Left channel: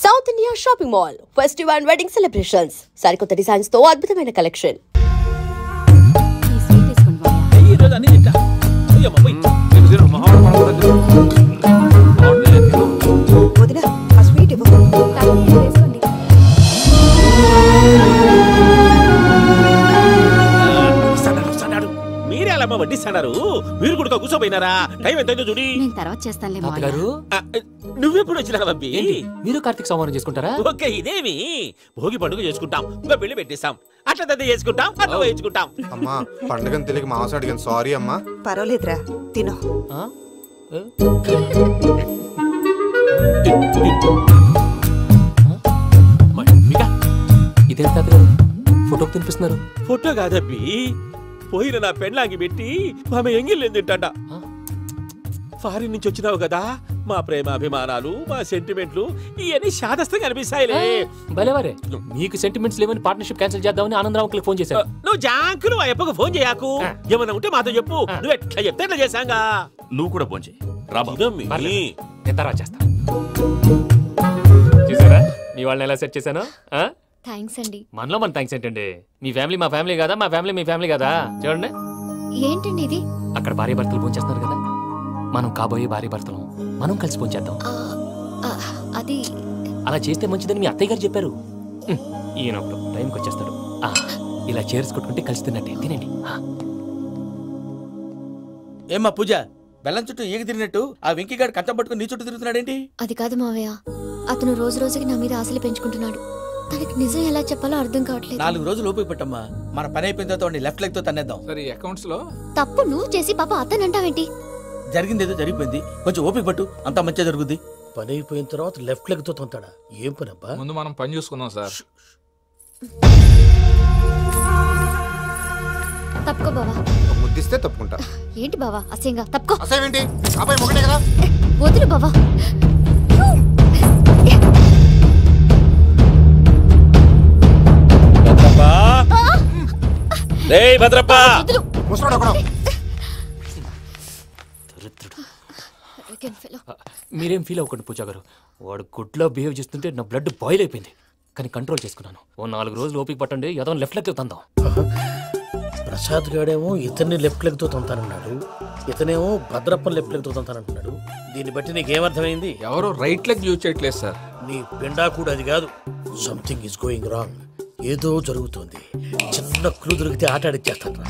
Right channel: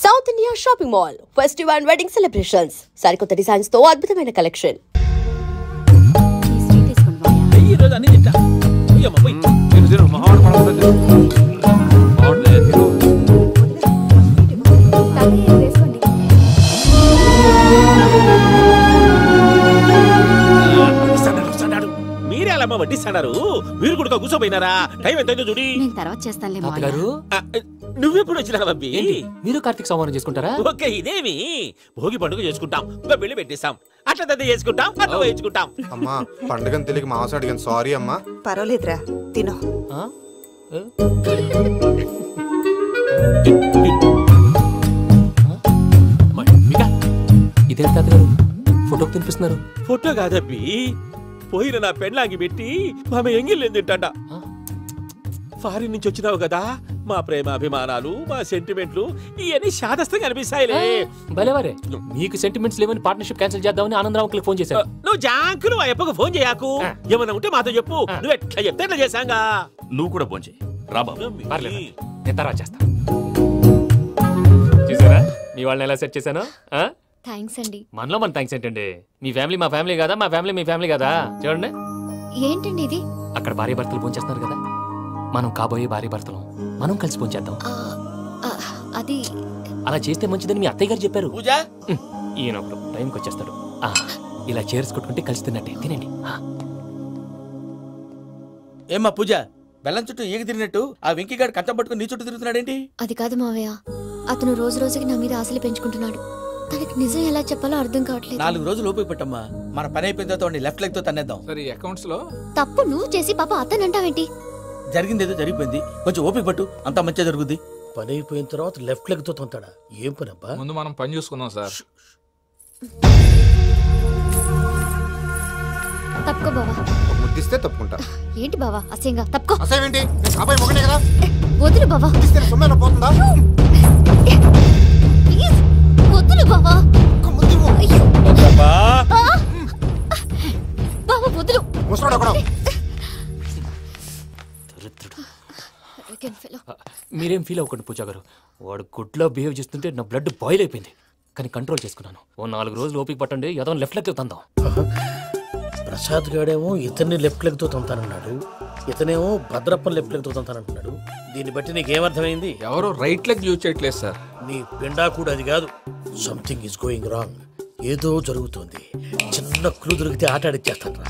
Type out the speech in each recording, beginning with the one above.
South India shopping mall festival and wedding celebrations సరికొత్త designs తో అద్భుతమైన కలెక్షన్. మీరే అలా వడ్డిస్తున్నారు. మీరు కూడా కూర్చోపోయినారా? టైం ఎంతైందో చూడి. తర్వాత చేస్తానులే. నువ్వెప్పుడు వచ్చినా బంబి? మీరు కార్తీక సంహారం చేసుకుంటారా? ఓకే, ఇదేమి భోగి పండుగ చేసుకుంటాం, ఇంకా పెళ్లి పెట్టేస్తాం, అట్లా దద్ద చేసుకుంటాం, అట్లా వేయించుకుంటాం. అమ్మా పండుగని తెలియక మాంస అడిగాను, సారీ అమ్మా. పర్వాలేదురా, తినో. ఇదేంటి తాతగారు ఫోటోకి తినిపిస్తున్నారు? ఫోటో కాదబ్బి, పోయిన నా పెళ్ళాంగి పెట్టి ఆమె ఎంగిల్లేం తింటాడ. ఫారిన్ నుంచి వచ్చినావు కదా, మా ప్రేమ అభిమానాలు, మా సెంటిమెంట్లు ఇవన్నీ శాదస్తంగా అనిపిస్తాయిలే. భలేవారే, మీకు సెంటిమెంట్స్ లేవని పార్ట్నర్షిప్ క్యాన్సిల్ చేద్దామని ఆనందరావుకి ఫోన్ చేశాను. నువ్వు జాంకులు ఆ ఎప్పకు ఫోన్ చేయకు. ఏమన్నా ఉంటే మాతో చెప్పు. నువ్వు ఎట్లా చెప్తే ఎట్లా చేశాంగా. నువ్వు కూడా ఫోన్ చేయి. తర్వాత చేస్తా. చూసారా మీ వాళ్ళని ఎలా సెట్ చేశాను? థ్యాంక్స్ అండి. మనలో మన థ్యాంక్స్ ఏంటండి? మీ ఫ్యామిలీ మా ఫ్యామిలీ కదా, మా ఫ్యామిలీ మీ ఫ్యామిలీ కదా. చూడండి, ఏంటండి ఇది? అక్కడ భార్య భర్తలు ఫోన్ చేస్తున్నారు కదా, మనం కాబోయే భార్య భర్తలు మనం కలిసి ఫోన్ చేద్దాం. అది అలా చేస్తే మంచిదని మీ అత్తయ్య గారు చెప్పారు. ఈయన ఒకడు టైంకి వచ్చేస్తాడు. ఇలా చేర్స్ కొట్టుకుంటే కలిసి తిన్నట్టే. తినండి. ఏమ్మా పూజ, బెల్లం చుట్టూ ఈగ తిరిగినట్టు ఆ వెంకీగాడు కంచం పట్టుకుని నీ చుట్టూ తిరుగుతున్నాడేంటి? అది కాదు మావయ్య, అతను రోజు రోజుకి నా మీద ఆశలు పెంచుకుంటున్నాడు. తనకి నిజం ఎలా చెప్పాలో అర్థం కావట్లేదు. 4 రోజులు ఓపిక పట్టమ్మా, మన పని అయిపోయిన తర్వాత లెఫ్ట్ లెగ్ తో తన్నేద్దాం. సరే, అకౌంట్స్ లో తప్పు నువ్వు చేసి పాప అతను అంటావేంటి? జరిగింది ఏదో జరిగిపోయింది, కొంచెం ఓపిక పట్టు, అంతా మంచిగా జరుగుద్ది. పని అయిపోయిన తర్వాత లెఫ్ట్ లెగ్ తో తొంతాడా? ఏం పని అబ్బా? ముందు మనం పని చూసుకుందాం సార్. తప్పుకో బావా. ముద్దిస్తే తప్పుకుంటా. ఏంటి బావా అసహ్యంగా? తప్పుకో. అసేమేంటి? అబ్బాయి మొగనే కదా. వదులు బావా. పోతుందా? వదులు బావా. భద్రప్పా, లేయ్ భద్రప్పా. వదులు. ముసరాడు అక్కడ. మీరేం ఫీల్ అవ్వకండి పూజా గారు. వాడు గుడ్లో బిహేవ్ చేస్తుంటే నా బ్లడ్ బాయిల్ అయిపోయింది, కానీ కంట్రోల్ చేసుకున్నాను. ఓ 4 రోజులు ఓపిక పట్టండి, ఏదో లెఫ్ట్ లెగ్ తందాం. ప్రసాద్ గాడేమో ఇతన్ని లెఫ్ట్ లెగ్ తో తొంతానన్నాడు, ఇతనేమో భద్రప్ప లెఫ్ట్ లెగ్ తో తొంతానంటున్నాడు. దీన్ని బట్టి నీకేమర్థమైంది? ఎవరో రైట్ లెగ్ యూజ్ చేయట్లేదు సార్. నీ పిండా కూడా అది కాదు. Something is going wrong. ఏదో జరుగుతుంది. చిన్న క్లూ దొరికితే ఆట ఆడిచ్చేస్తాను రా.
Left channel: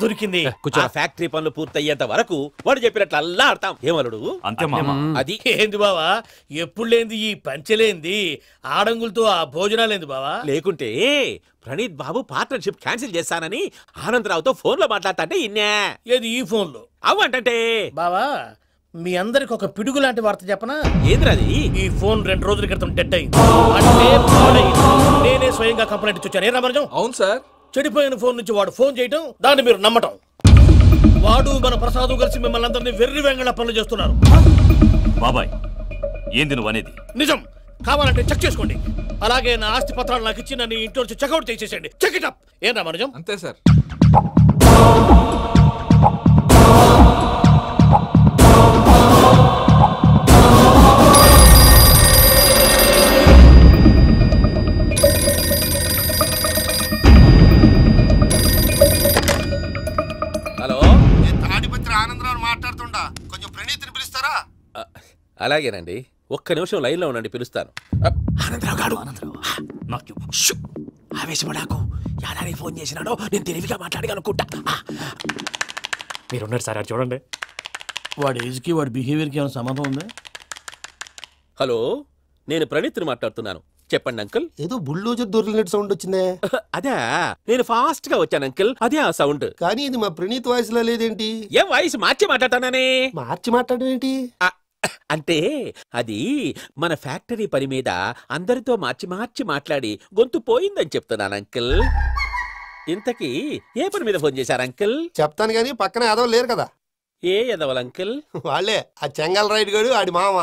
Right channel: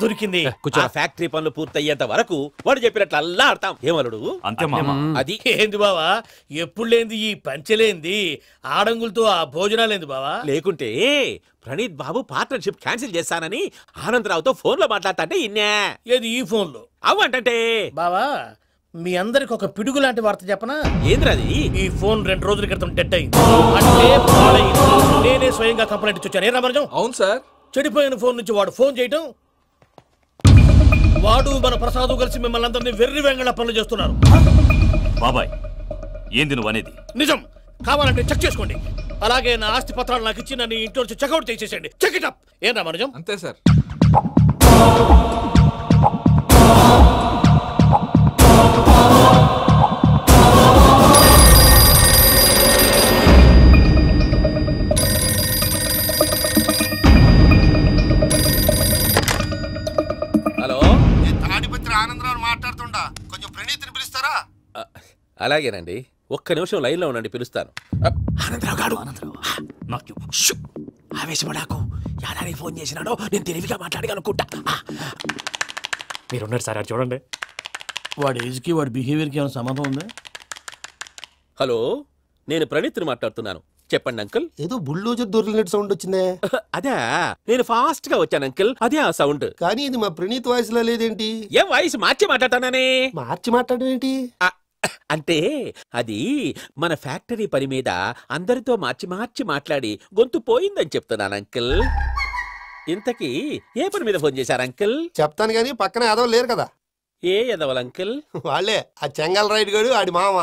దొరికింది. ఆ ఫ్యాక్టరీ పనులు పూర్తయ్యేంత వరకు వాడు చెప్పినట్లు అల్లా ఆడతాం. ఏమలుడు? అంతే మామ. అది ఏంది బావా, ఎప్పుడు లేంది ఈ పంచలేంది, ఆడంగులతో ఆ భోజనాలేంది బావా? లేకుంటే ప్రణీత్ బాబు పార్ట్నర్షిప్ క్యాన్సిల్ చేస్తానని ఆనందరావుతో ఫోన్ లో మాట్లాడతాంటే ఇన్నే. ఏది ఈ ఫోన్ లో? అవ్వంటే బావా, మీ అందరికి ఒక పిడుగు లాంటి వార్త చెప్పనా? ఏంద్రది? ఈ ఫోన్ 2 రోజుల క్రితం డెడ్ అయింది, అంటే పాడైంది. నేనే స్వయంగా కంప్లైంట్ ఇచ్చాను. ఏ రామరాజం? అవును సార్. చెడిపోయిన ఫోన్ నుంచి వాడు ఫోన్ చేయటం, దాన్ని మీరు నమ్మటం. వాడు మన ప్రసాదు కలిసి మిమ్మల్ని అందరినీ వెర్రి వెంగళ పనులు చేస్తున్నారు. బాబాయ్, ఏంది నువ్వు అనేది? నిజం. కావాలంటే చెక్ చేసుకోండి. అలాగే నా ఆస్తి పత్రాలు నాకు ఇచ్చి నన్ను ఇంట్లో నుంచి చెక్అౌట్ చేసేసండి. Check it up. ఏం రామరాజం? అంతే సార్. హలో, తాడిపత్రి ఆనందరావు మాట్లాడుతుండా, కొంచెం ప్రణీతిని పిలుస్తారా? అలాగేనండి, ఒక్క నిమిషం లైన్ లో ఉండండి, పిలుస్తాను. ఆనందరావు గాడు. ఆవేశపడాకు. యాదానికి ఫోన్ చేసినాడో నేను తెలివిగా మాట్లాడగలనుకుంటా. మీరున్నారు సార్, చూడండి. వాడి ఏజ్కి వాడి బిహేవియర్కి ఏమైనా సంబంధం ఉందా? హలో, నేను ప్రణీత్ని మాట్లాడుతున్నాను. చెప్పండి అంకుల్. ఏదో బుల్డోజర్ దొరికినట్టు సౌండ్ వచ్చిందే. అదే, నేను ఫాస్ట్ గా వచ్చాను అంకుల్, అదే ఆ సౌండ్. కానీ ఇది మా ప్రణీత్ వాయిస్ లో లేదేంటి? ఏం వాయిస్ మార్చి మాట్లాడతానని? మార్చి మాట్లాడడం ఏంటి? అంటే అది మన ఫ్యాక్టరీ పని మీద అందరితో మార్చి మాట్లాడి గొంతు పోయిందని చెప్తున్నాను అంకుల్. ఇంతకీ ఏ పని మీద ఫోన్ చేశారు అంకుల్? చెప్తాను గానీ పక్కన ఏదో లేరు కదా. ఏ ఎదవలు అంకుల్? వాళ్ళే, ఆ చెంగల్ రైడ్ గడు ఆడి మామ.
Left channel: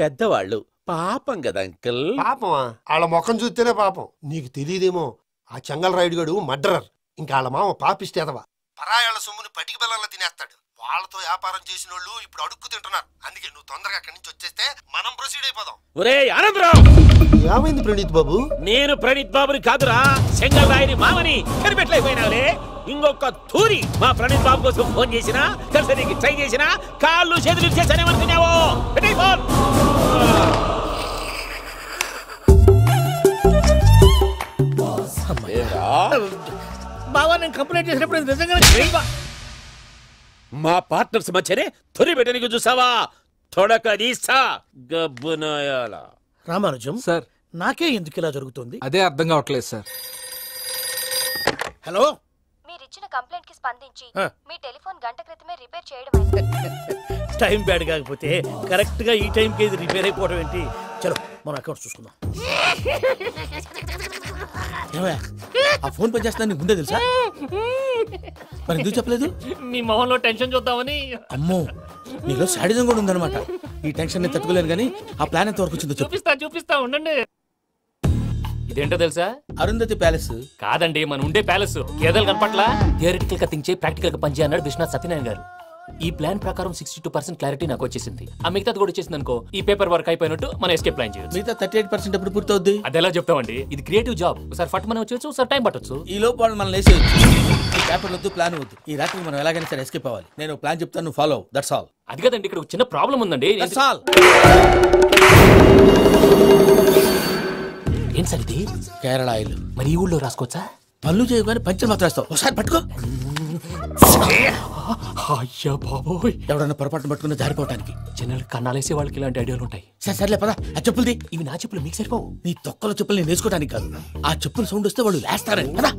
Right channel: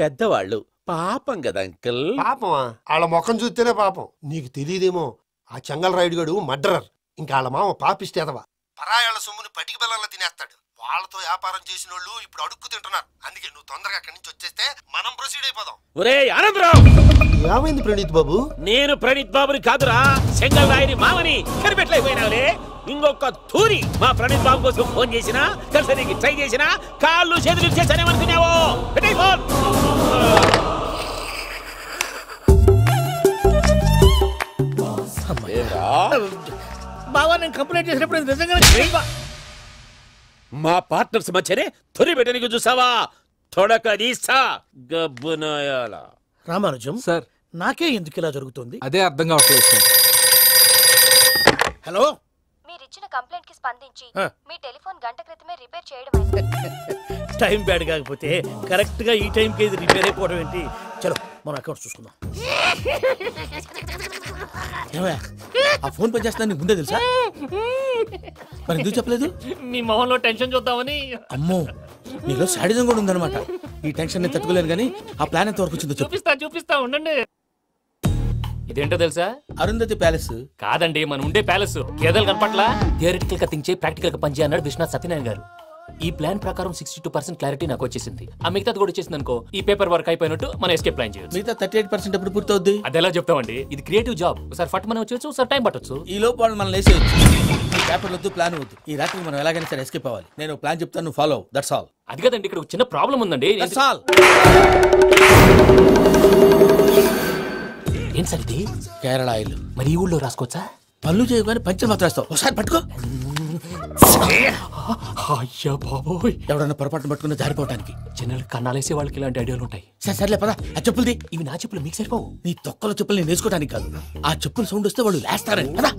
పెద్దవాళ్ళు, పాపం కదా అంకుల్. పాపమా? వాళ్ళ ముఖం చూస్తేనే పాపం. నీకు తెలియదేమో, ఆ చెంగల్ రైడ్ గడు మర్డరర్. ఇంకా వాళ్ళ మామ పాపిస్తేదవా, పరాయాళ్ళ సొమ్ముని పటికి బెల్లంలో తినేస్తాడు. వాళ్ళతో వ్యాపారం చేసిన వాళ్ళు ఇప్పుడు అడుక్కు తింటున్నారు. అందుకే నువ్వు తొందరగా అక్కడి నుంచి వచ్చేస్తే మనం ప్రొసీడ్ అయిపోదాం. ఒరే ఆనందరావు, ఏమైంది ప్రణీత్ బాబు? నేను ప్రణీత్ బాబుని కాదురా, సెంగల్ రాయని మామని కనిపెట్టలేకపోయినావులే. ఇంకొక తూరి మా ప్రణీత్ బాబు కోసం ఫోన్ చేసినా, కలిసి నీకు ట్రై చేసినా, కాళ్ళు చేతులు చేశానేమనుకున్నావో. పెట్టేయ్ ఫోన్. బావా నేను కంప్లైంట్ చేసినప్పుడు నిజంగా మా పార్ట్నర్స్ మధ్యనే తొలి పెట్టడానికి చూసావా? తొడక తీస్తా గబ్బునాయాల. రామానుజం సార్ నాకే ఎందుకు ఇలా జరుగుతుంది? అదే అర్థం కావట్లేదు సార్. హలో, మీరిచ్చిన కంప్లైంట్ కి స్పందించి ఆ. మీ టెలిఫోన్ గంట క్రితమే రిపేర్ చేయడం టైం బ్యాడ్ కాకపోతే కరెక్ట్ గా ఈ టైంకి ఇది రిపేర్ అయిపోవడం ఏంటి? చలో మన అకౌంట్ చూసుకుందాం. ఏమయ్యా, ఆ ఫోన్ పని చేస్తున్నా నీకు ముందే తెలుసా? మరి ఎందుకు చెప్పలేదు? మీ మొహంలో టెన్షన్ చూద్దామని. అమ్మో, నీలో శాడిజం కూడా ఉందన్నమాట. ఈ టెన్షన్ నేను తట్టుకోలేను కానీ ఆ ప్లాన్ ఎంత వరకు వచ్చిందో చెప్పు. చూపిస్తా ఉండండి. ఇదేంటో తెలుసా? అరుంధతి ప్యాలెస్ కాదండి, మనం ఉండే ప్యాలెస్. గేదెలు కనపట్లా? థియరిటికల్ గా థింక్ చేయి, ప్రాక్టికల్ గా పనిచేయ అన్నాడు విశ్వనాథ్ సత్యనారాయణ గారు. ఈ ప్లాన్ ప్రకారం 62% క్లారిటీ నాకు వచ్చేసింది. ఆ మిగతాది కూడా వచ్చేసింది అనుకో, ఈ పేపర్ వర్క్ అయిపోయినట్టు మనం ఎస్కేప్ ప్లాన్ చేయొచ్చు. మిగతా 38% ఎప్పుడు పూర్తవుద్ది? అది ఎలా చెప్తామండి? ఇది క్రియేటివ్ జాబ్. ఒకసారి ఫట్ మనం వచ్చేయచ్చు, ఒకసారి టైం పట్టొచ్చు. ఈ లోపు వాళ్ళు మనం లేసేయచ్చు. ఈ పేపర్ వద్దు, ప్లాన్ వద్దు. ఈ రాత్రికి మనం ఎలాగైనా సరే ఎస్కేప్ అవ్వాలి. నేను ప్లాన్ చెప్తాను, నువ్వు ఫాలో. That's all. అది కదండి, ఇక్కడ ఒక చిన్న ప్రాబ్లం ఉందండి. That's all. ఏం సార్ ఇది? కేరళ ఆయిల్. మరి ఈ ఊళ్ళో రాసుకోవచ్చా? పనులు చేయగానే పంచర్ మాత్రం వేస్తావు. ఒకసారి పట్టుకో. అయ్యా బాబోయ్, ఎవడన్నా పొరపాటున పట్టుకున్న జారిపోవటానికి. జనరల్ కన్నాలేసే వాళ్ళకి ఇలాంటి ఐడియాలు ఉంటాయి. సర్లే పదా, ఆ చెప్పులది. ఇవి నా చెప్పులు, మీకు సరిపోవు. నీ తొక్కల చెప్పులు నేను వేసుకోవడానికి కాదు, ఆ చెప్పులు సౌండ్ వస్తే వాళ్ళు లేస్తారని. పదా.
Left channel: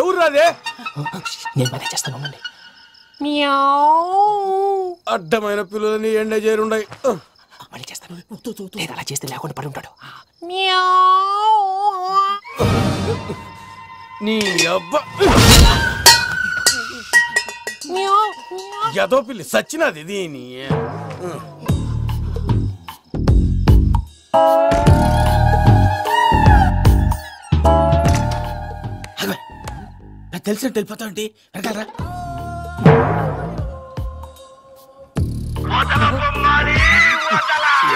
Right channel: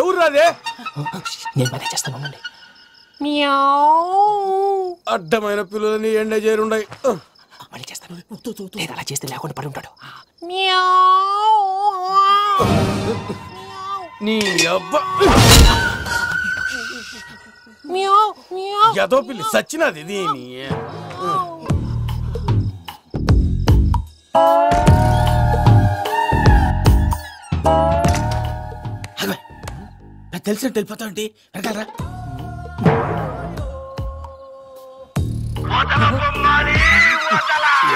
ఎవరు రాదే? నేను మేనేజ్ చేస్తాను. అడ్డమైన పిల్లలని ఎండ చేరుండయి. మళ్ళీ చేస్తాను. లేదు, అలా చేస్తే లేకుండా పడి ఉంటాడు. నీ అబ్బా ఎదో పిల్లి సచ్చినది దీని. తెలిసినట్టు వెళ్ళిపోతావంటి వెనకాలరా.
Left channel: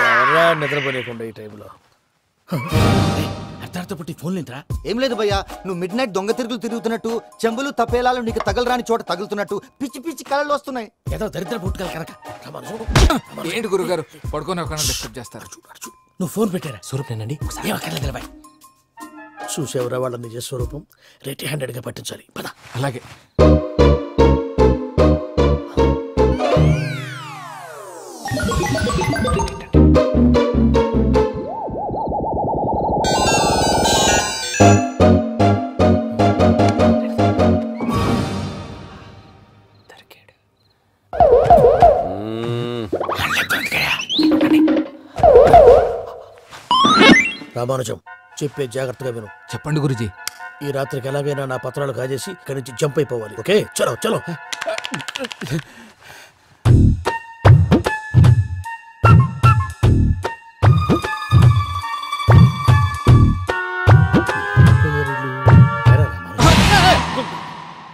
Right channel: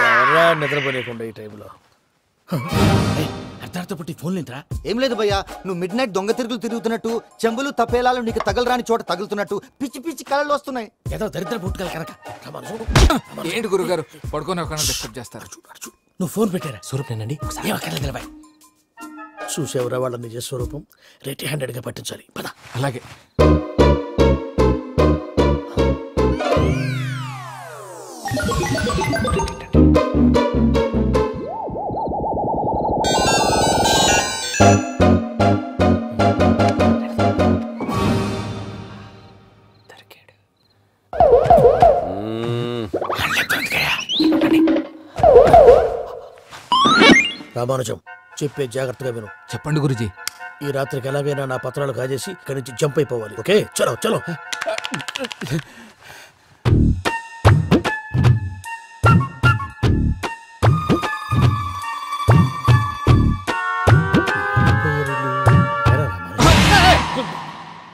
ఎవరా నిద్రపోలేకుండా ఈ టైంలో? అర్ధార్థ పుట్టి ఫోన్ లేంట్రా? ఏం లేదు భయ్యా, నువ్వు మిడ్ నైట్ దొంగ తిరుగుతున్నట్టు, చెంబులు తపేలాలు నీకు తగలరాని చోట తగులుతున్నట్టు పిచ్చి పిచ్చి కళలు వస్తున్నాయి. ఏదో దరిద్ర పుట్టుకల కనుక. ఏంటి గురుగారు పడుకొని ఒక డిస్టర్బ్ చేస్తారు? నువ్వు ఫోన్ పెట్టారా? స్వరూపేనండి. ఏమక్కర్లేదు. చూసేవరా వాళ్ళ నిజ స్వరూపం. రెడీ హ్యాండెడ్ గా పట్టించాలి. పద. అలాగే. రామానుజం, చెప్పే జాగ్రత్తగా విను. చెప్పండి గురుజీ. ఈ రాత్రికి ఎలాగైనా నా పత్రాలు కాజేసి ఇక్కడి నుంచి జంప్ అయిపోవాలి. ఓకే, చలో చలో.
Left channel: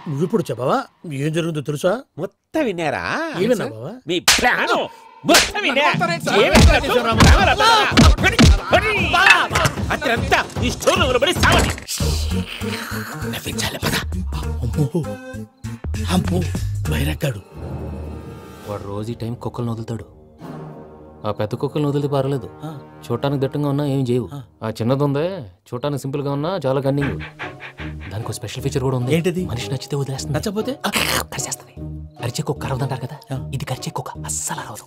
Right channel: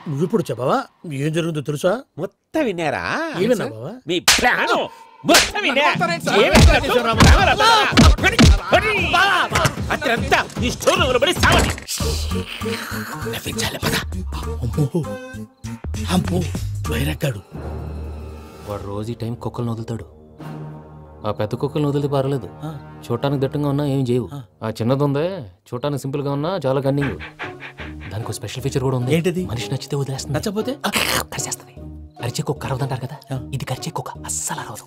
నువ్విప్పుడు చెప్పవా ఏం జరుగుతుందో తెలుసా? మొత్తం విన్నారా? ఏమన్నా బావా? మీ ప్లాన్ మొత్తం విన్నా. అత్రంతా ఈ స్టోర్ రూమ్ లో పడి సావండి. నవ్వించాలి. పద. అమ్మో అమ్మో, వైరక్కాడు. వాడు రోజు ఈ టైం కుక్కలను వదులుతాడు. ఆ పెద్ద కుక్కలను వదిలితే పర్లేదు, చూడటానికి దట్టంగా ఉన్నా ఏం చేయవు. ఆ చిన్నది ఉందే, చూడటానికి సింపుల్ గా ఉన్నా చాలా కన్నింగ్. దానికి స్పెషల్ ఫీచర్ కూడా ఉంది. ఏంటిది? మనిషి నచ్చితే వదిలేస్తుంది, నచ్చపోతే కరిచేస్తుంది. అరిచే కుక్క అరవదంటారు కదా, ఇది కరిచే కుక్క అస్సలు అరవదు.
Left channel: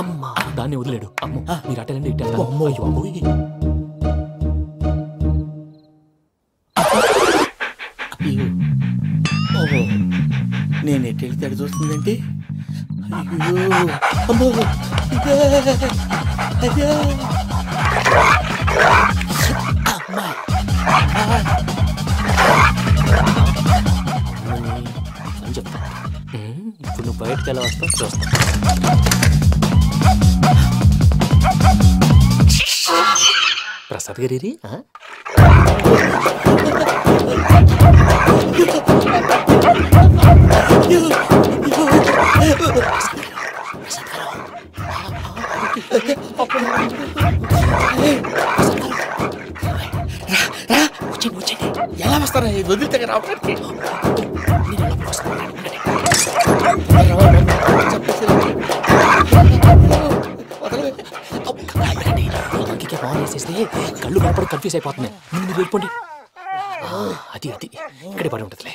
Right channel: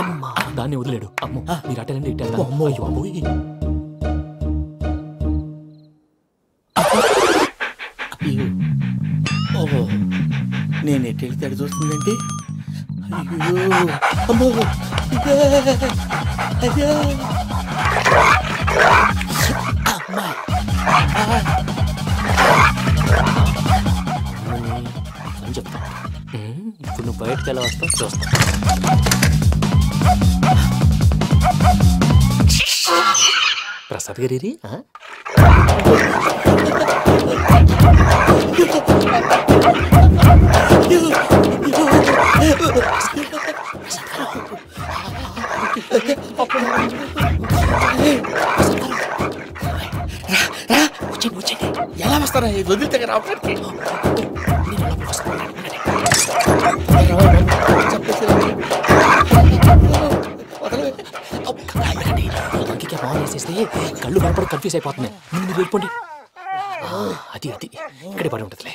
అమ్మా, దాన్ని వదిలేడు. అమ్మో, మీరు అటెండి ఇటు. అమ్మో. అయ్యో అమ్మోయ్. ఓహో, నేను ఎటు వెళ్తే అటు చూస్తుందంటే. అయ్యో అమ్మో, అయ్యో అమ్మా. అని చెప్తా. ఇప్పుడు నువ్వు బయటకు ఎలా వస్తావు చూస్తా. ప్రసాద్ గారి ఎలా వస్తారా వదిలితే రావడానికి ఆన్ వేసేస్తే కళ్ళు కనపడి కన్ఫ్యూజ్ అయిపోతున్నాయి. మీరు వెళ్ళిపోండి. అది అది ఇక్కడే పడి ఉంటుందిలే.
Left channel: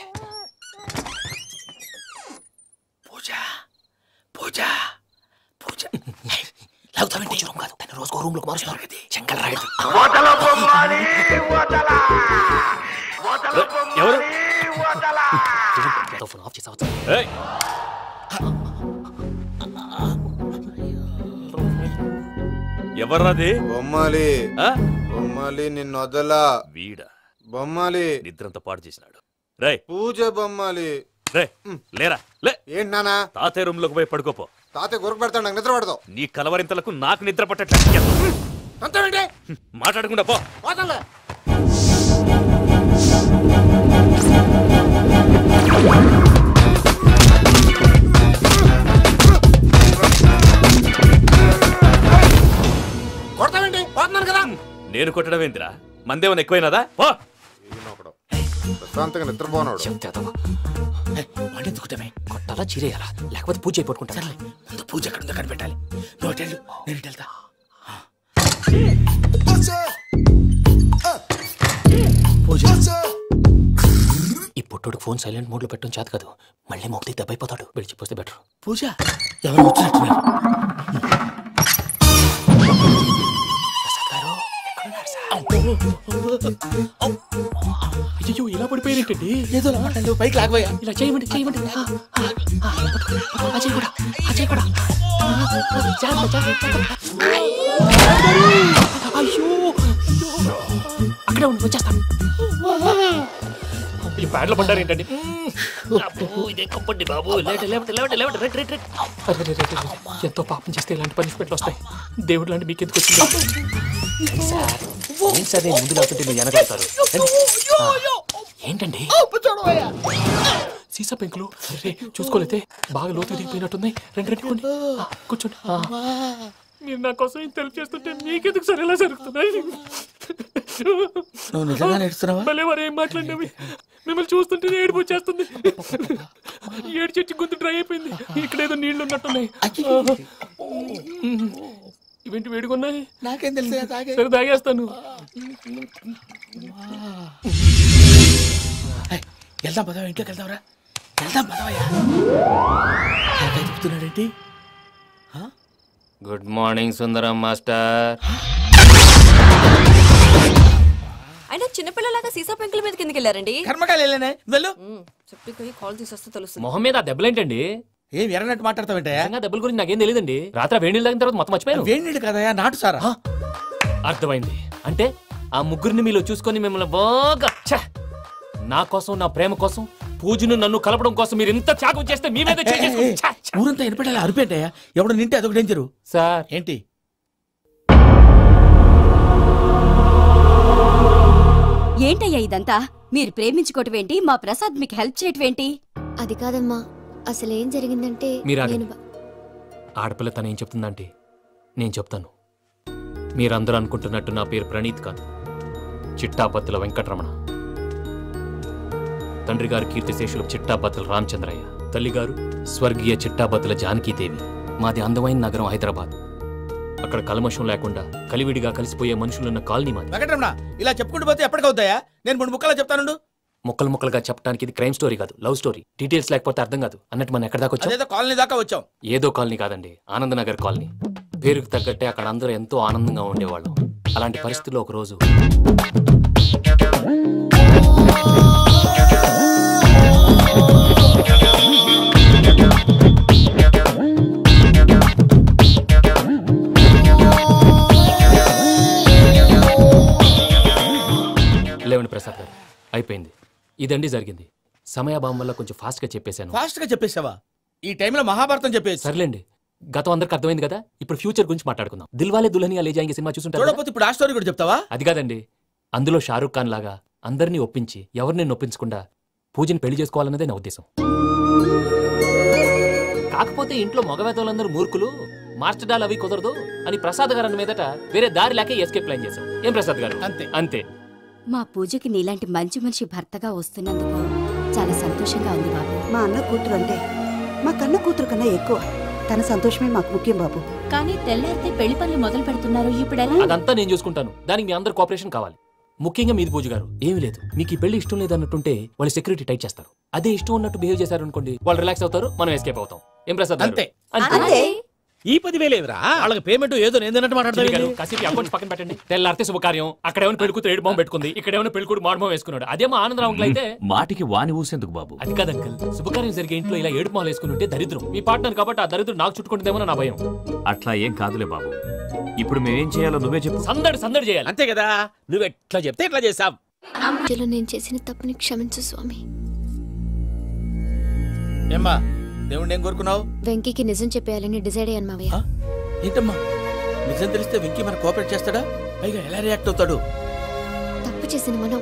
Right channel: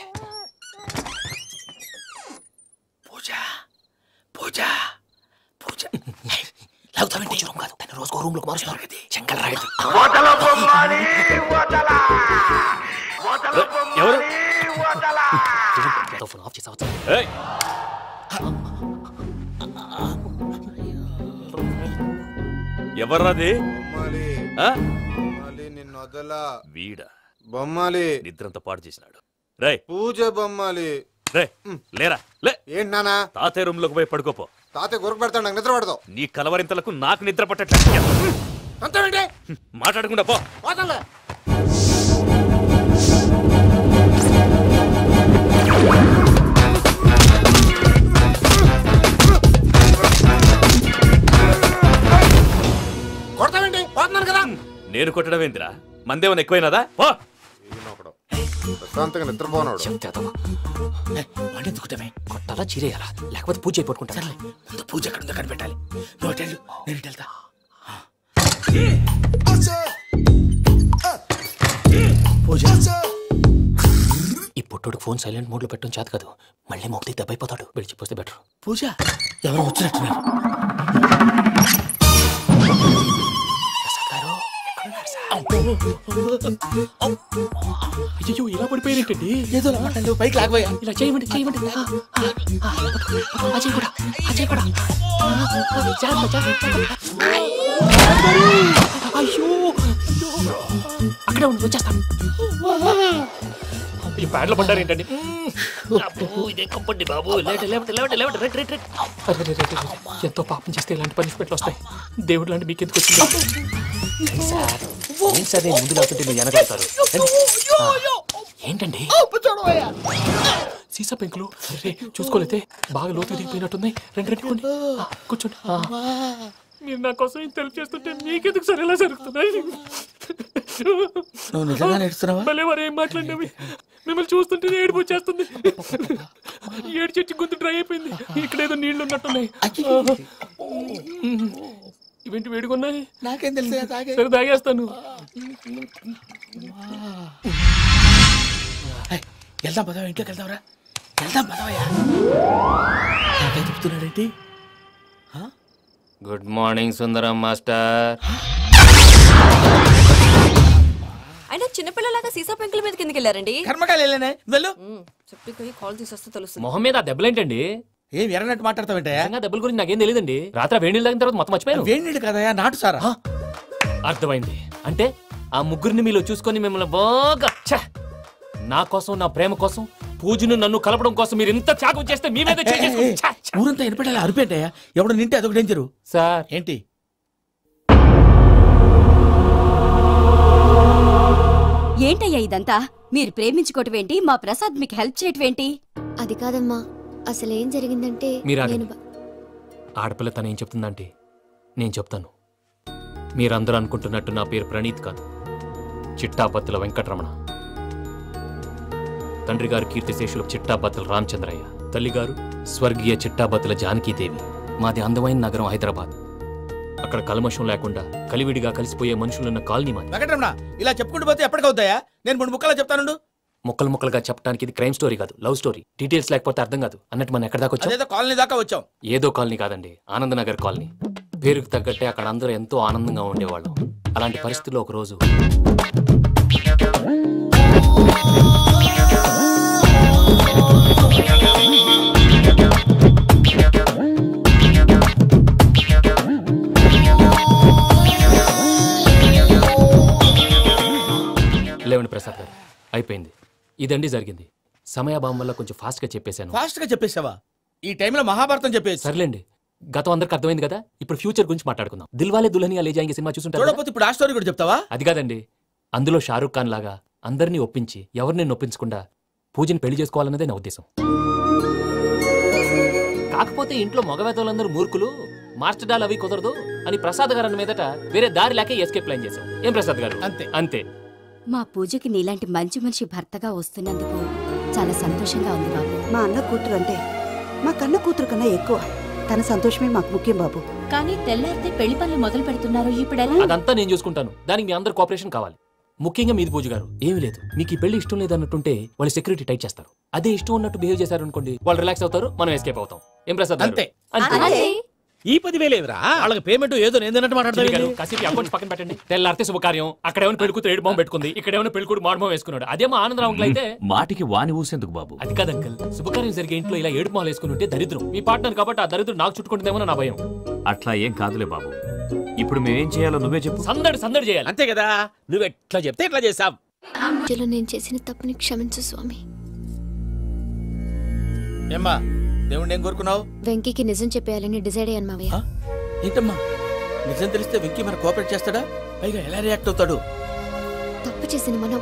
పూజ పూజ పూజ లాగుతామంటే రూమ్ కాదు, తను రోజుకో రూమ్ లోకి మారుస్తున్నారు కదా. శంకర్ రాయుడు ఎవరు ఫోన్ ఆఫ్ చేసావచ్చు. ఎవర్రాది? బొమ్మాలి బొమ్మాలి నిన్ను వదలా. వీడా బొమ్మాలి నిద్రంతా పాడు చేసినాడు. రే పూజ బొమ్మాలి. రే లేరా లే. ఏంటి నానా? తాతయ్య రూమ్ లోకి పోయి పడుకోపో. తాతయ్య గురకు పెడతాడు, నాకు నిద్ర పడతావు. నీ కలవరింతలకు నాకు నిద్ర పట్టట్లేదు. మాట్లాడకుండా పో. కొడతావేంటి? పోతున్నాను కదా. నేను కొట్టడం ఏందిరా? మందేమన్నా ఎక్కువైనదా? పో. ప్రశాంతంగా నిద్రపోనాడు. వాడెందుకుంటామే? కొట్టాలా చీరేయాలా లేకపోతే పూజ అయిపోట్టుకుంటా. సర్లే ముందు పూజ ఎక్కడ ఉందో కనిపెట్టాలి. నువ్వు వెళ్ళు, నేను ఇటు వెళ్తా. పూజ ఈ పుట్టోడు ఫోన్ సైలెంట్ మోడ్ లో పెట్టడం చేత కాదు. మళ్ళీ మొక్కి దెబ్బైపోతాడు. విడిచిపోతే బెటర్. పూజ ఎవరు వచ్చినట్టున్నారు? అయ్యో ఇలా పడిపోయినట్టండి. ఏదో పైకి లాగబోయా. ఇలా చేయమండి చేయమండి. అజయ్ కూడా అజయ్ కూడా. అయ్యో అక్కడే ఉండి వచ్చేస్తాను. ఈ బ్యాడ్లో పడ్డారు ఏంటండి? ఇదే కప్పండి బాబు. ఎంతో పాపం చేస్తే ఇలాంటి పనిష్మెంట్లు వస్తాయి. దేవుడు లాంటి మీకు ఎందుకు వచ్చింది సార్? ఏం సార్ నేను ముందు లేకుంటే మీరు వెనకాడతారు ఏంటండి? సీసా పెంకులు చూసుకోలేతే బాగా లోతు దిగిపోయినట్టున్నాయి. రెండు కూర్చోండి. మీరు నా కోసం ఇంత హెల్ప్ చేస్తుంటే మీకెందుకు సరే ఎలా జరుగుతున్నాయి? నువ్వు నిజంగా నేర్చుతున్నావా? మళ్ళీ మరి ఏం మాట్లాడినవి? మిమ్మల్ని చూస్తుంటే ఏడుపు వచ్చేస్తుంది. ఏడు చెట్టు గొంతు డ్రై అయిపోయింది. ఇక్కడ ఏదో నీళ్లు ఉన్నట్టున్నాయి. ఇవేంటి వేడుకున్నాయి? నాకేం తెలుసు. సరే తాగేస్తాను. వెళ్దాం పదవా, ఇంట్లోకి వెళ్దాంరా. వెళ్దాం పదవయ్యా. చెప్తున్నాడేంటి? గుడ్ మార్నింగ్ సుందరం మాస్టర్. అయినా చిన్నపిల్లలాగా సీసా పెంకుల మీద కిందకి వెళ్ళారండి. కర్మకాయలు వెళ్ళానే. వెళ్ళు. చెప్పి కాల్ తీసొస్తే తెలుస్తుంది. మొహం మీద దెబ్బలేంటండి? ఏం ఎర్రనట్టు మాట్లాడతావేంటా? దెబ్బల గురించి నాకేం తెలియదండి. రాత్రి వేడి నీళ్ళు తాగిన తర్వాత మొత్తం మర్చిపోయాను. వేడి నీళ్ళు కదయా, నాటు సారా. అర్థమైంది. అంటే ఆ ముగ్గురిని మీలో చూసుకొని మిమ్మల్ని బాగా నా కోసం నా ప్రేమ కోసం పూజను నన్ను కలపడం కోసం మీరు ఇంత త్యాగం చేస్తే మీ మీద ఊరంతా వినపడేలా అరిపేంటయ్యా. ఎవడు నింటే అదొక డేంజరు. సార్ ఏంటి? ఏంటయ్యా ఇదంతా? మీరు ప్రేమించుకోవటం ఏంటి? మా ప్రసాద్ మీకు హెల్ప్ చేయటం ఏంటి? అది కాదమ్మా, అసలేం జరిగిందంటే ఆడపిల్ల తను ఏం చెప్తుందంటే నేను చెప్తాను. మీరందరూ అనుకుంటున్నట్టు నా పేరు ప్రణీత్ కాదు, చిట్టాపత్తుల వెంకటరమణ. తండ్రి గారు కీర్తిశేషులు చిట్టాపత్తుల రామచంద్రయ్య, తల్లిగారు స్వర్గీయ చిట్టాపత్తుల జానకీదేవి. మాది అందమైన నగరం హైదరాబాద్. అక్కడ కల్మషం లేకుండా కలివిడిగా కలిసిపోయే మనుషులున్న కాలనీ మాది. వెంకటరమణ ఇలా చెప్పుకుంటూ పోతే ఎప్పటికవుతాయా? నేను 3 ముక్కలా చెప్తాను. ముక్కలు ముక్కలుగా చెప్పడానికి ఇది క్రైమ్ స్టోరీ కాదు, లవ్ స్టోరీ. డీటెయిల్స్ లేకపోతే అర్థం కాదు. అన్నట్టు మనం ఎక్కడ దాకా వచ్చాం? కాలనీ దాకా వచ్చాం. ఏదో కాలనీ కాదండి, ఆనందనగర్ కాలనీ. పేరుకు తగ్గట్టే అక్కడ అందరూ ఎంతో ఆనందంగా ఉండేవాళ్ళం. అలాంటి పరిస్థితుల్లో ఒక రోజు లేవండి ప్రసాద్ గారు, అయిపోయింది. ఇదండి జరిగింది. సమయాభావం వల్ల కొంచెం ఫాస్ట్ గా చెప్పేశాను. ఫాస్ట్ గా చెప్పేసావా? ఈ టైంలో మహాభారతం చెప్పేసి. సర్లేండి, గతం అందరికి అర్థమైంది కదా, ఇప్పుడు ఫ్యూచర్ గురించి మాట్లాడుకుందాం. దిల్వాలే దుల్హనియా లే జాయేంగే సినిమా చూసుంటారు. చూడకపోతే ఇప్పుడు ఆ స్టోరీ కూడా చెప్తావా? అది కాదండి, అందులో షారూఖ్ ఖాన్ లాగా అందరినీ ఒప్పించి ఎవరిని నొప్పించకుండా పూజని పెళ్లి చేసుకోవాలన్నదే నా ఉద్దేశం. కాకపోతే ఇంట్లో మగవేతలందరూ మూర్ఖులు, మాస్టర్ డాల్ అవి కుదరదు అని ప్రసాద్ గారు అన్న మీదట వేరే దారి లేక ఎస్కేప్ ప్లాన్ చేశాం. ఏం ప్రసాద్ గారు? అంతే అంతే. మా పూజకి నీలాంటి మంచి మనిషి భర్తగా వస్తున్నందుకు చాలా సంతోషంగా ఉంది బాబు. మా అన్న కూతురు అంటే మా కన్న కూతురు కన్నా ఎక్కువ. తన సంతోషమే మాకు ముఖ్యం బాబు. కానీ తెల్లారితే పెళ్లి పనులు మొదలు పెడుతున్నారు, ఇప్పుడు అదంతా నేను చూసుకుంటాను. దానికి మీ అందరు కోఆపరేషన్ కావాలి. ముఖ్యంగా మీది పూజ గారు. ఏమీ లేదు, మీకు ఈ పెళ్లి ఇష్టం లేదన్నట్టుంటే వాళ్ళు సెక్యూరిటీ టైట్ చేస్తారు. అదే ఇష్టం ఉన్నట్టు బిహేవ్ చేశారు అనుకోండి, వాళ్ళు రిలాక్స్ అవుతారు, మనం ఎస్కేప్ అవుతాం. ఏం ప్రసాద్? అంతే. ఈ 10,000 ఏమిరా? వాళ్ళకి పేమెంట్ ఏదో నేందన్నట్టు మాట్లాడతారు. కాసేపు అకౌంట్స్ పక్కన పెట్టండి. తెల్లారితే శుభకార్యం, అక్కడ ఏమైనా పెళ్ళికూతురు ఏడు బాంబు పెట్టుకుంది, ఇక్కడ ఏమైనా పెళ్ళికూడు మాడమో వేసుకున్నాడు. అదేమో ఆనందరావు అంకుల్ అయితే మాటికి వాని ఊసేందుకు బాబు? అది కాదు అంకుల్, శుభకార్యం జరిగే ఇంట్లో ఇలా ఏడు మాలు వేసుకుని ఉంటే దరిద్రం. మీ పార్ట్నర్ కాబట్టి ఆ దరిద్రం నాకు చుట్టుకుంటుందేమో నా భయం. అట్లా ఏం కాదులే బాబు. ఇప్పుడు మేమేం చేయాలో నువ్వే చెప్పు. సందడి సందడి చేయాలి. అంతే కదా, నువ్వు ఎట్లా చెప్తే ఎట్లా చేసాం. నేను చేసిన తప్పుని క్షమించు స్వామి. ఏమ్మా దేవుణ్ణి ఏం కోరుకున్నావు? వెంకీకి నిజం చెప్పేయాలని డిసైడ్ అయ్యాను మావయ్య. ఏంటమ్మా నిజం తెలిస్తే వెంకీ మన కోఆపరేట్ చేస్తాడా? పైగా ఎలా రియాక్ట్ అవుతాడు? తప్పు చేసిన మనం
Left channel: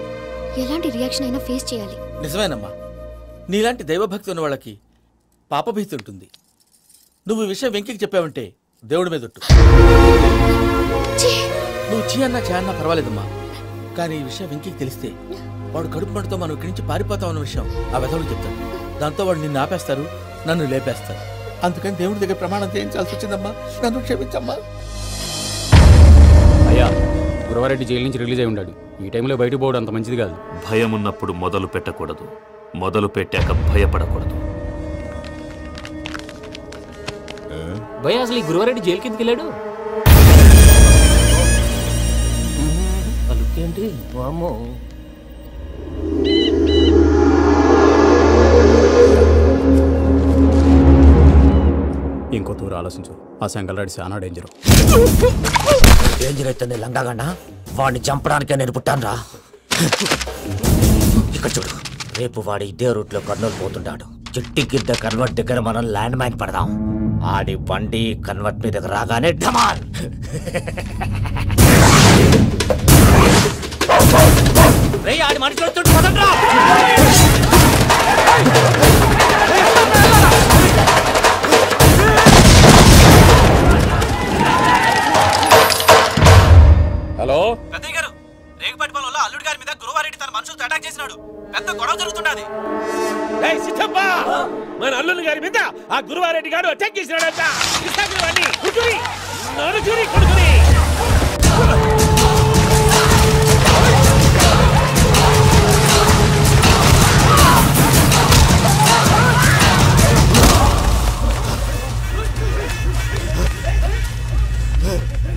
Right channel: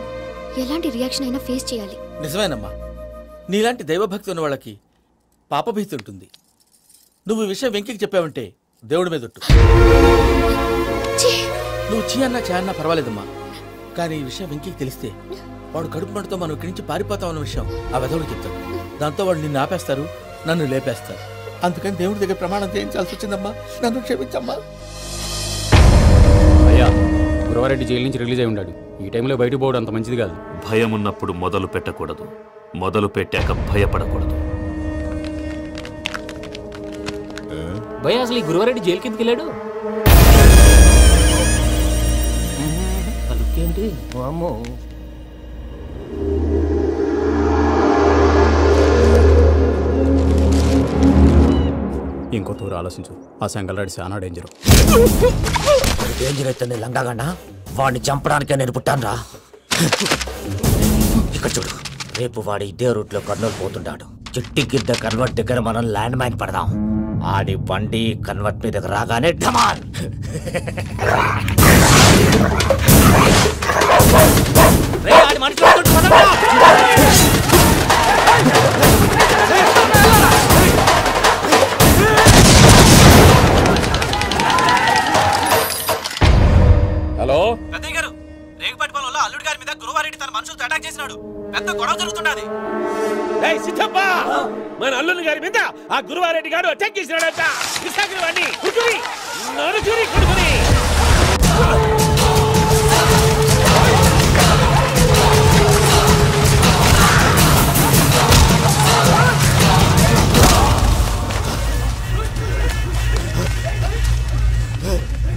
ఎలాంటి రియాక్షన్ అయినా ఫేస్ చేయాలి. నిజమేనమ్మా, నీలాంటి దైవభక్తి ఉన్న వాళ్ళకి పాపభీతి ఉంటుంది. నువ్వు ఈ విషయం వెంకీకి చెప్పావంటే దేవుడి మీద ఒట్టు. నువ్వు చీ అన్నా చే అన్నా పర్వాలేదమ్మా, కానీ ఈ విషయం వెంకీకి తెలిస్తే వాడు కడుపు మంటతో మనం ఇక్కడి నుంచి పారిపోతామన్న విషయం ఆ వెధవుడు చెప్తాడు. దాంతో వాడు నిన్ను ఆపేస్తారు, నన్ను లేపేస్తారు. అందుకని దేవుడి దగ్గర ప్రమాణం చేయించాల్సి వచ్చిందమ్మా, నన్ను క్షమించమ్మా. అయ్యా, గురవారెడ్డి జైలు నుంచి రిలీజ్ అయి ఉన్నాడు. ఈ టైంలో బయటకు పోవడం అంత మంచిది కాదు. భయం ఉన్నప్పుడు మొదలు పెట్టకూడదు, మొదలు పెట్టాక భయపడకూడదు. భయ అసలు ఈ గురువారెడ్డి జైలు కిందకి వెళ్ళాడు. ఏంటి వామ్మో. ఇంకో తూరు ఆలోచించు. ఆ సంగల్రాడి చాలా డేంజర్. డేంజర్ అయితే లంగాగండ వాడిని చంపడానికే నేను పుట్టాను. ఇక్కడ చూడు, రేపు వాడి ఇదే రూట్ లో కర్నూలు పోతుంటాడు. చిట్టి గిద్ద కన్వర్ట్ దగ్గర మనం ల్యాండ్ మైన్ పడదాం. ఆడి బండి కన్వర్ట్ మీద రాగానే ఢమాల్. ఆడి మనిషి హలో పెద్దయ్య గారు, రేగుపాటి పొలంలో అల్లుడి గారి మీద గురువారెడ్డి తన మనుషులతో అటాక్ చేసినాడు. పెద్ద గొడవ జరుగుతున్నది. సిద్ధప్ప, మన అల్లుని గారి మీద ఆ గురువారెడ్డి గారు అటాక్ చేసినాడంట.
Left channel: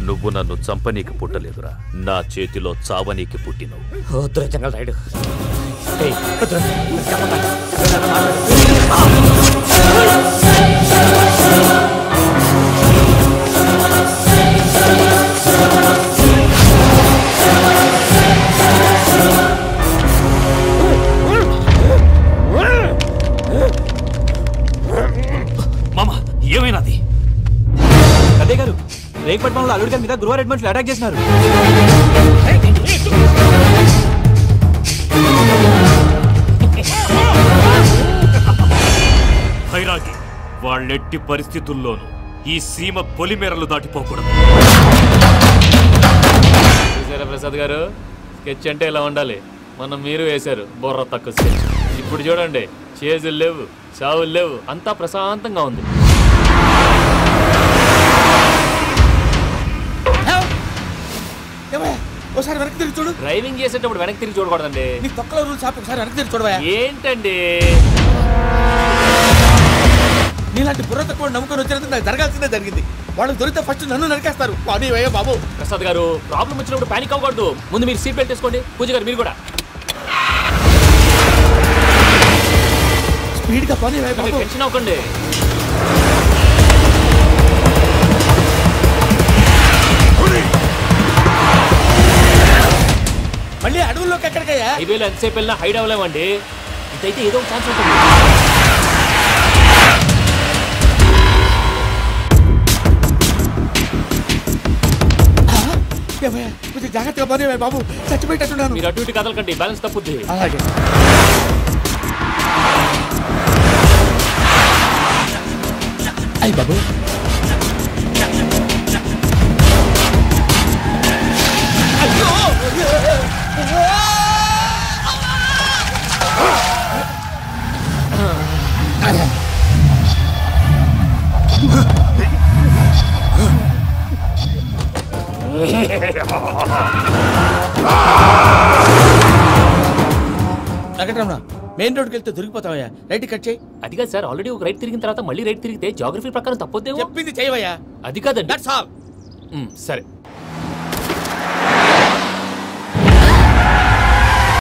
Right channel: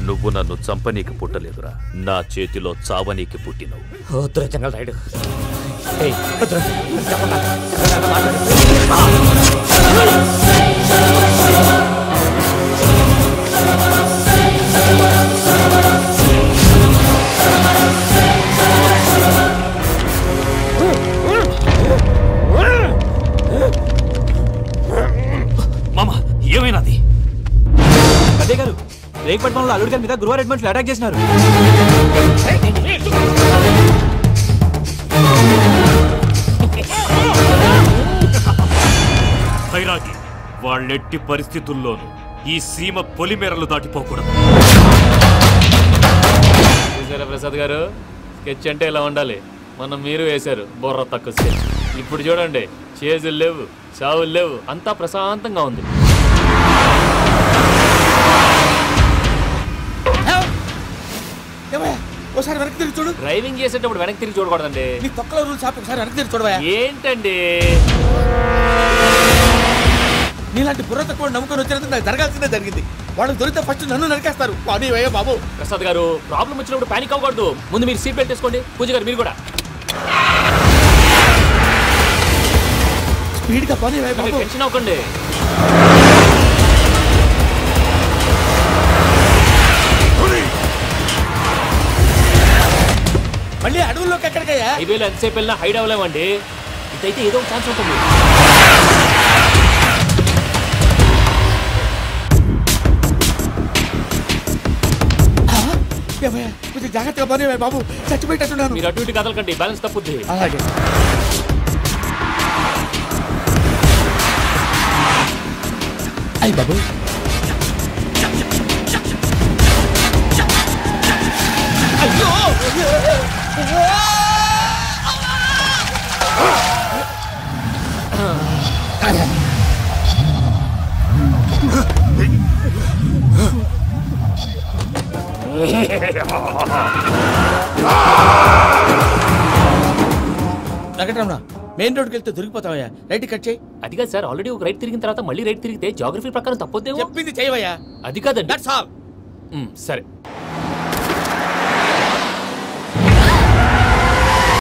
నువ్వు నన్ను చంపనీకి పుట్టలేదురా, నా చేతిలో చావనీకి పుట్టినవు. చెంగల్ రైడు. మామా, ఏమైనాది? పెద్దయ్య గారు, రేగుపాటి పొలంలో అల్లుడి గారి మీద గురువారెడ్డి మనుషులు అటాక్ చేసినారు. భైరాగి, వాళ్ళెట్టి పరిస్థితుల్లోనూ ఈ సీమ పొలిమేరలు దాటిపోకూడదు. చూసారా ప్రసాద్ గారు, స్కెచ్ అంటే ఇలా ఉండాలి. మనం మీరు వేశారు బొర్ర తక్కువ స్కెచ్. ఇప్పుడు చూడండి, చేజులు లేవు, చావులు లేవు, అంతా ప్రశాంతంగా ఉంది. ఒకసారి వెనక్కి తిరిగి చూడు. డ్రైవింగ్ చేసేటప్పుడు వెనక్కి తిరిగి చూడకూడదండి. నీ తొక్కల రూల్స్ ఆపి ఒకసారి వెనక్కి తిరిగి చూడవా. ఏంటండి నీలాంటి బుర్ర తక్కువ నమ్ముకొని వచ్చినందుకు నాకు జరగాల్సిందే జరిగింది. వాళ్ళకి దొరికితే ఫస్ట్ నన్ను నరికేస్తారు. బాబు ప్రసాద్ గారు, ప్రాబ్లం వచ్చినప్పుడు పానిక్ అవ్వకూడదు. ముందు మీరు సీట్ బెల్ట్ వేసుకోండి. పూజ గారు మీరు కూడా స్పీడ్ గా పని. టెన్షన్ అవ్వకండి. మళ్ళీ అడవుల్లోకి ఎక్కడికయ్యా? హైవేలో ఎంతసేపు వెళ్ళినా హైడ్ అవ్వలేమండి. ఇదైతే ఏదో ఒక ఛాన్స్ ఉంటుంది. ఏమయ్యా కొంచెం జాగ్రత్తగా పని బాబు, చచ్చిపోయేటట్టున్నాను. మీరు అటు ఇటు కదలకండి, బ్యాలెన్స్ తప్పుద్ది. అలాగే. అయ్యి బాబు, అయ్యో వెంకటరమణ, మెయిన్ రోడ్కి వెళ్తే దొరికిపోతావయ్యా. రైట్ కట్ చేయి. అది కాదు సార్, ఆల్రెడీ ఒక రైట్ తిరిగిన తర్వాత మళ్ళీ రైట్ తిరిగితే జాగ్రఫీ ప్రకారం తప్పొద్దేమో. చెప్పింది చేయవయ్యా. అది కాదండి. That's all. సరే